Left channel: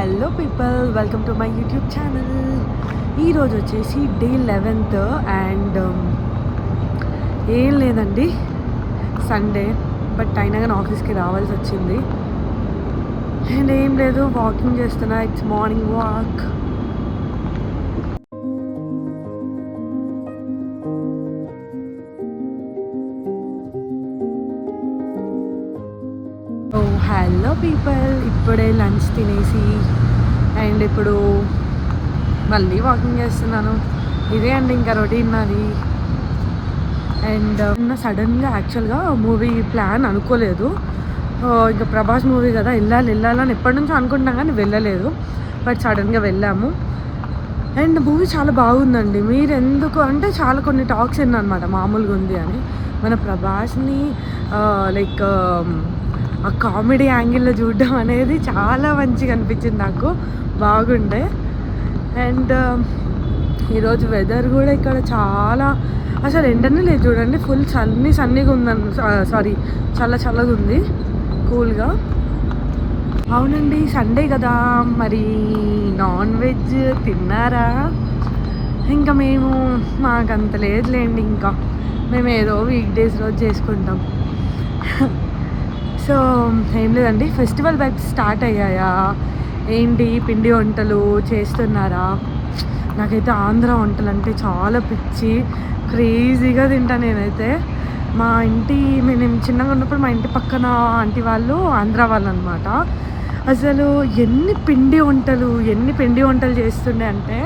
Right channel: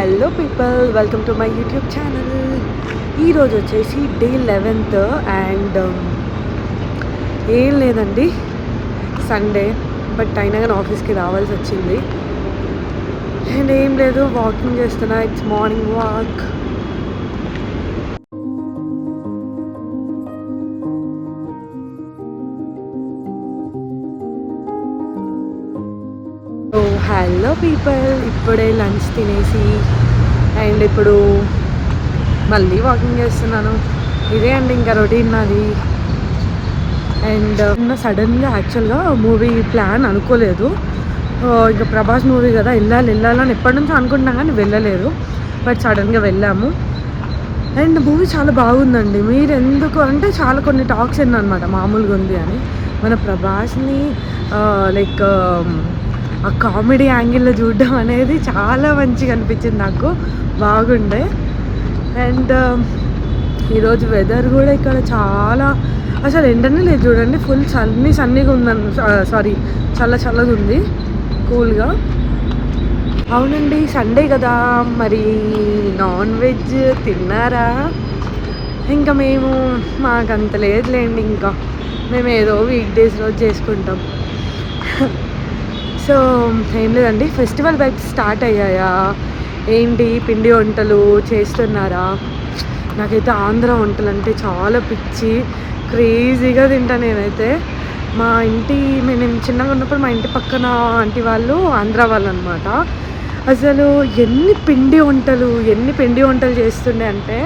Hello people, welcome to my YouTube channel. ఈరోజు వచ్చేసి day 11th and ఏం లేదండి, సండే. బట్ అయినా కానీ ఆఫీస్కి రావాల్సి వచ్చింది. అండ్ ఏం లేదు, వాకింగ్ చేస్తున్నా. It's morning walk. Hello people, ఇప్పుడే లంచ్ తినేసి అండ్ ఇప్పుడు మళ్ళీ వాకింగ్ చేస్తున్నాను. ఇదే అండి ఇంకా రొటీన్ నాది. అండ్ సడన్గా యాక్చువల్గా మూవీ ప్లాన్ అనుకోలేదు. ఇంకా ప్రభాస్ మూవీ కదా, వెళ్ళాలని ఎప్పటి నుంచో అనుకుంటున్నాం కానీ వెళ్ళలేదు. బట్ సడన్గా వెళ్ళాము. అండ్ మూవీ చాలా బాగుందండి. మీరు ఎందుకు అంటే చాలా కొన్ని టాక్స్ అనమాట మామూలుగా ఉంది అని. మన ప్రభాస్ని లైక్ ఆ కామెడీ యాంగిల్లో చూడడం అనేది చాలా మంచిగా అనిపించింది నాకు, బాగుండే. అండ్ ఈరోజు వెదర్ కూడా ఇక్కడ చాలా, అసలు ఎండనే లేదు చూడండి, ఫుల్ సన్నీగా ఉందని, సారీ చల్లగా ఉంది, కూల్గా. అవునండి, సండే కదా, మరి నాన్ వెజ్ తిన్నారా? ఇంకా మాకంత లేదులేండి, ఇంకా మేము ఏదో వీక్ డేస్ రోజు చేసుకుంటాం. సో ఏం లేదండి, ఫెస్టివల్ వైబ్స్ స్టార్ట్ అయ్యాయా ఏంటి? పిండి వంటలు చేస్తున్నారా? నాకైతే ఆంధ్ర వంటలు అంటే చాలా పిచ్చి, క్రేజీగా తింటా నేనైతే. నేను చిన్నగా ఉన్నప్పుడు మా ఇంటి పక్కన ఆంటీ వాళ్ళు ఆంధ్ర వాళ్ళు అనమాట. అసలు ఎన్ని పిండి వంటలు చేస్తుండే అంటే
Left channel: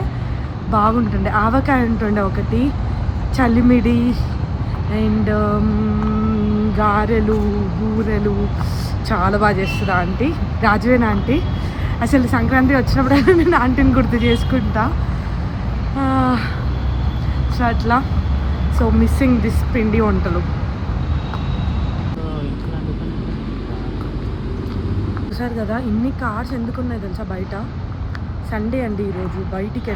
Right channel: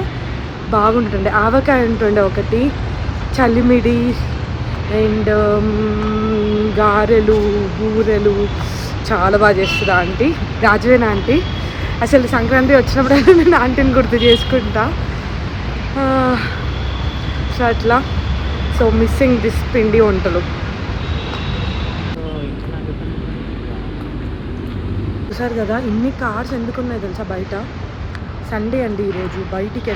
బాగుంటుండే. ఆవకాయ ఉంటుండే ఒకటి, చలిమిడి అండ్ గారెలు, బూరెలు చాలా బాగా చేస్తుంది ఆంటీ, రాజవేన ఆంటీ. అసలు సంక్రాంతి వచ్చినప్పుడైనా నేను ఆంటీని గుర్తు చేసుకుంటా. సో అట్లా, సో మిస్సింగ్ దిస్ పిండి వంటలు. చూసారు కదా ఇన్ని కార్స్ ఎందుకున్నాయి తెలుసా బయట? సండే అండి ఈరోజు, బయటికి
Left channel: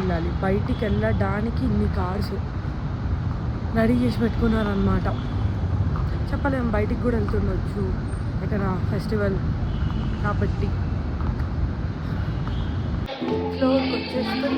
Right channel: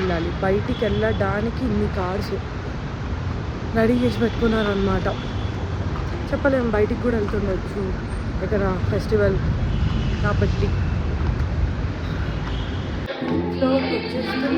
వెళ్ళడానికి ఇన్ని కార్స్ రెడీ చేసి పెట్టుకున్నారనమాట. చెప్పలేము, బయటికి కూడా వెళ్తుండొచ్చు ఇక్కడ ఫెస్టివల్ కాబట్టి. ఫ్లోర్కి వచ్చేస్తే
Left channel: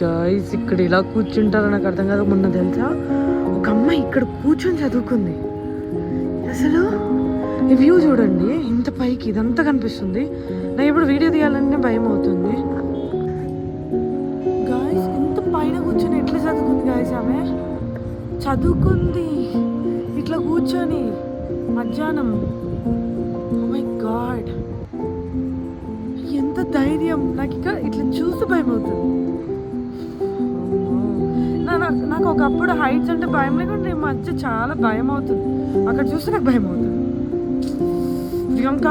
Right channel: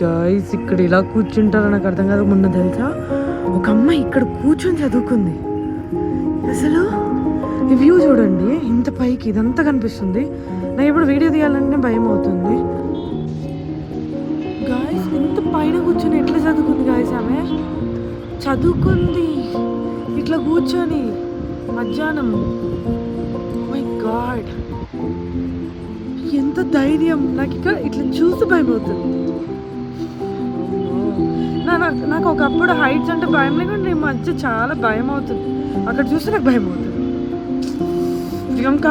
గైస్ ఇక్కడ ఇలా కూర్చుంటారో నాకు అర్థం కాదు. మొన్న తెలుసా ఒక అమ్మాయి ఇక్కడ కూర్చొని చదువుకుంది. అసలు ఈ వ్యూ చూడండి, ఇంత పైకి ఇదంతా కనిపిస్తుంది. నాకు ఇప్పుడు వీడియో తీయాలంటే భయం అవుతుంది. గాయస్ ఇంత పైన కూర్చొని ఎట్లా చదువుకుంది గాయస్? ఆమె చదువుకుంది ఇట్లా కూర్చొని మధ్యాహ్నం. ఓ మై గాడ్, ఎంత ధైర్యం! నాకు ఇక్కడ ఇట్లా చూసి భయం అవుతుంది. నాకు ఒకప్పుడు హైట్స్ అంటే భయం లేకుండా మధ్య చాలా భయం అవుతుంది. అక్కడ చూస్తే నాకు భయం అవుతుంది. ప్రియాంక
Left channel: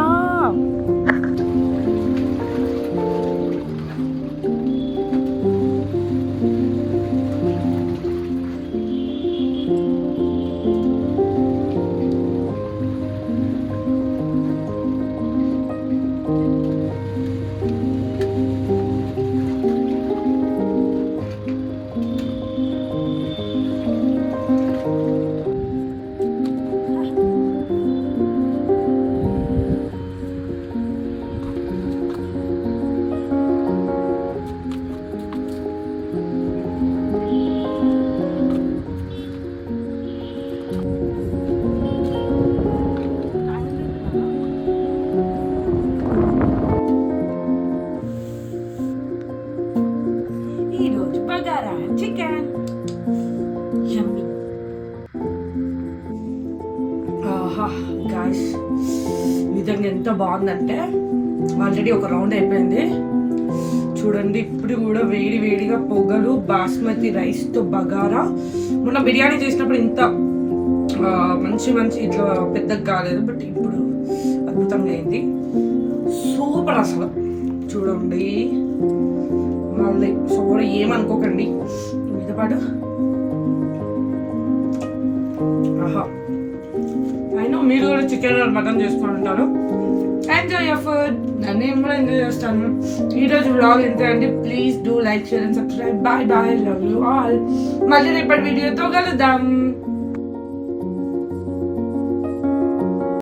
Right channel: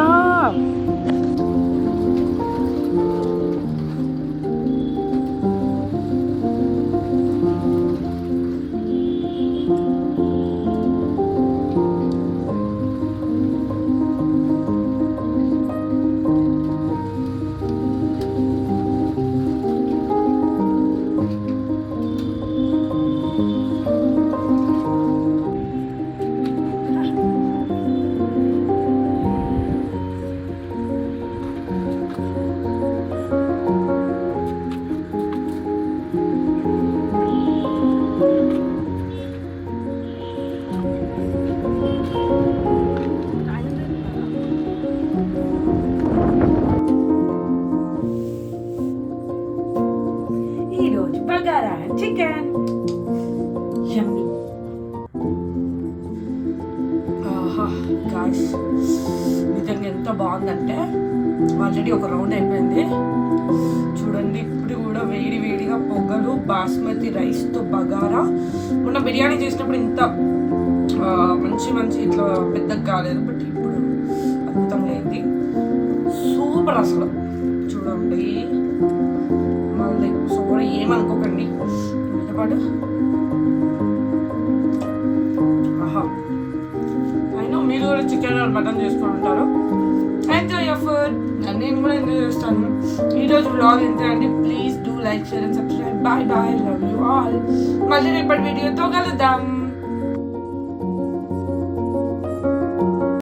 ఈరోజు బగారా చికెన్ యమ్మీ. ఆహా గాయ్స్, నిజంగా ఎంత బాగుందంటే ఆల్రెడీ ఒక రౌండ్ అయిపోయింది చూడండి. ఇప్పుడు కూడా వేడి వేడిగా పొగలు బాస్మతి రైస్తో బగారా. మొన్న బిర్యానీ చేసినప్పుడు ఇంత మంచి మంచి ఇట్లా పెద్దగా కాలేదు, బట్ ఇప్పుడు అద్భుతంగా అయింది. సూపర్ అసలు చూడండి. మళ్ళీ సో కూడా ఏమనుకోకండి మీతో పాటు. ఆహా, అయినా మీరు కూడా చికెన్ మటన్ చేసుకుని ఉంటారు. Enjoy your food. నేను కూడా ఎంజాయ్ చేస్తాను. ఈరోజు వ్లాగ్ ఎంతే అండి. Please do like, share and subscribe. Bye bye, love you all. మళ్ళీ రేపటి వీడియోతో కలుద్దాం.